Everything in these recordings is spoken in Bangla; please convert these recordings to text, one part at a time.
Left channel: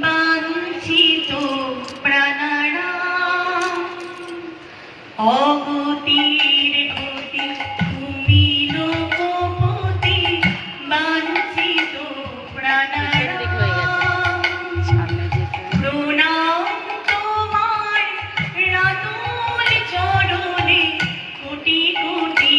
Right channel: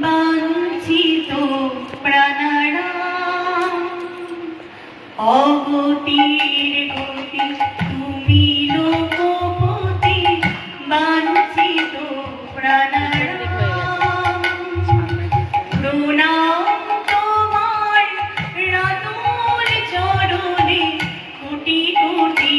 বাঞ্ছিত প্রাণারাম অগতির গতি তুমি লোকপতি বাঞ্ছিত প্রাণারাম প্রণাম তোমার রাতুল চরণে কোটি কোটি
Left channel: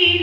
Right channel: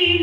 see